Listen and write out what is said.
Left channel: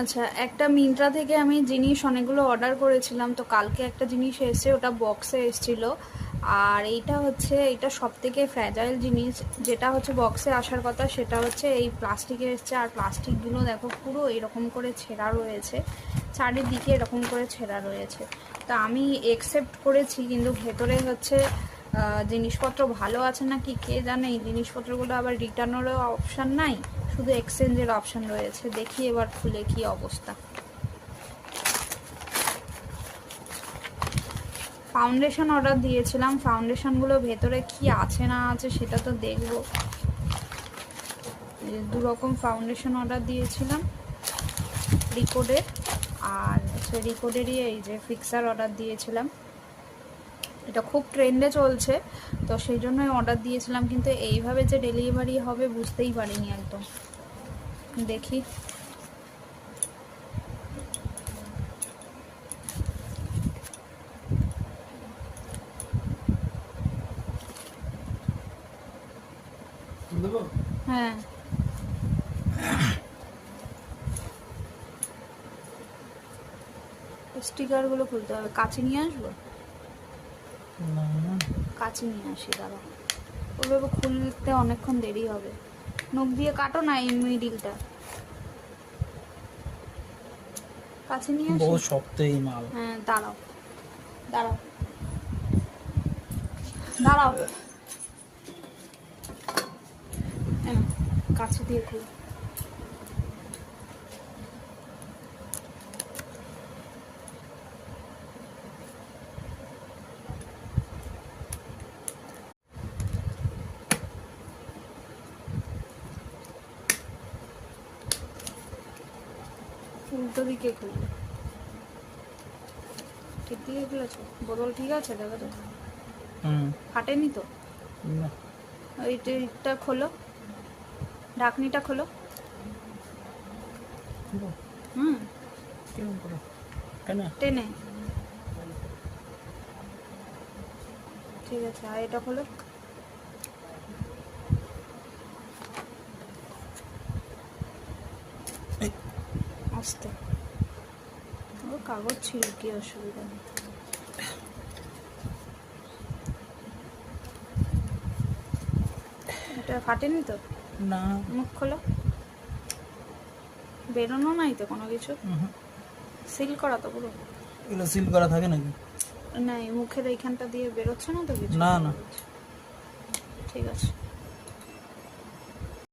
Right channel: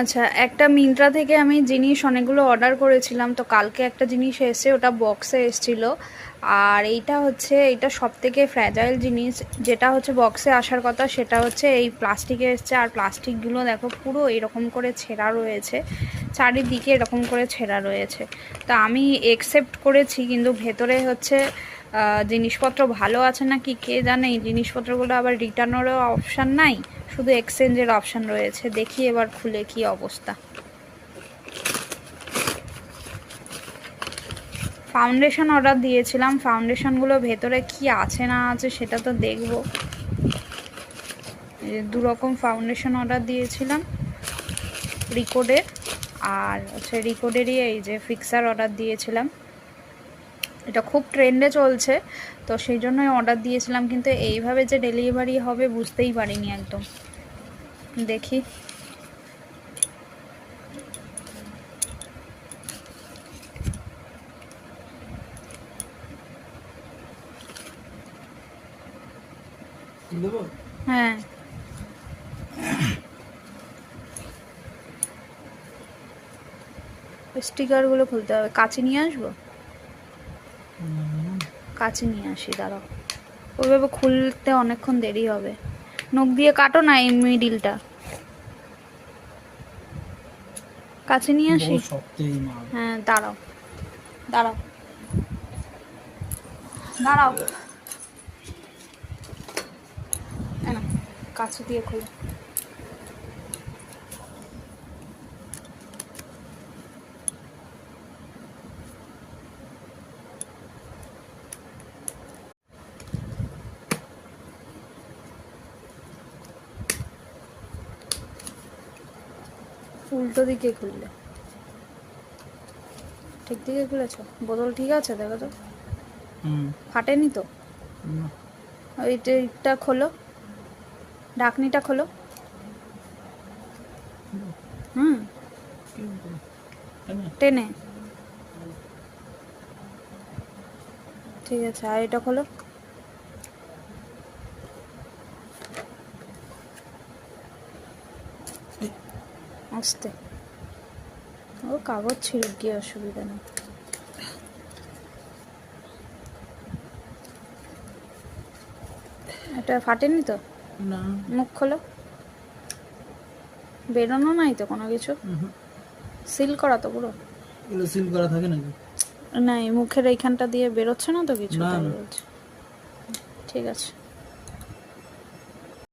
আচ্ছা, একটা মিন্ত্রা থেকে আমি জিনিস অনেকগুলো অর্ডার করেছিলাম, তো কালকে একটা জিনিস এসেছে, ওটা বক্সে এসেছিল। আর এইটা সবথেকে ফ্র্যাজাইল জিনিস, যেটা হচ্ছে বক্সে আসার কথা সেটা হচ্ছে এই প্লাস্টিকে এসছে। আর প্লাস্টিকগুলো দেখো পুরো এরকম করে ছেঁড়া রয়েছে, চারিদিকে এরকম করে ছেঁড়া রয়েছে। তো আমি একসেপ্ট করেছি, কিন্তু ভেতরে হচ্ছে জিনিসপত্র ভালো আছে না কি কে জানে। এই জিনিসপত্রগুলো আবার রিটার্নেরও অপশান নাই, শুধু এক্সচেঞ্জের অপশান রয়েছে। দেখি এবার খুলে কি অবস্থা। ফাউন্ডেশন অর্ডার দিয়েছিলাম, ফাউন্ডেশনগুলো ভেতরে কি আছে না আছে সেটা তো দেখবো। দু রকম ফাউন্ডেশন অর্ডার দিয়েছিলাম, রিকোডের আর হচ্ছে রিকোডেরই এই যে ফিক্সার অর্ডার দিয়েছিলাম। এটা খুব ট্রেন্ডে চলছে, তো সেই জন্যই অর্ডার দিয়েছিলাম, কিন্তু এইভাবে যে ডেলিভারি হবে বুঝতেই পারিনি একদম। দেখি হ্যাঁ, স্টিকারগুলো খুলতে হবে। কাছে নিয়ে আসবো, কাছে নিয়ে আসি, দাঁড়াও। ওইভাবে খুলতে অনেকক্ষণ দেরি হবে। নখ দিয়ে কাটো না এই মিডিলটা, কাছে নিয়ে আসি। হ্যাঁ, দাঁড়াও দাঁড়াও দাঁড়াও, না কাছে দিয়ে খুলো। উল্টো দিকে খুললে, ঠিক দিকে খুলেছ? বোতল ঠিক আছে দেখো তো, ফাটেনি তো? ওইটা খোলো, ঢাকনিটা খোলো। হুম, টেনে, ঠিক আছে। আর এটা খোলো। আস্তে, ও কাগজ ছিল, কি অসুবিধা নেই। এটা ফাটেনি তো? না, মুখ খোলো। বেরোনো নাই তো কোনো কিছু? সিল করা তো পুরো? এগুলো সিল করা থাকে নাকি? না, এই মুখের এইখানটা দিয়ে বেরোচ্ছে না তো কিছু? না, না। ঠিক আছে।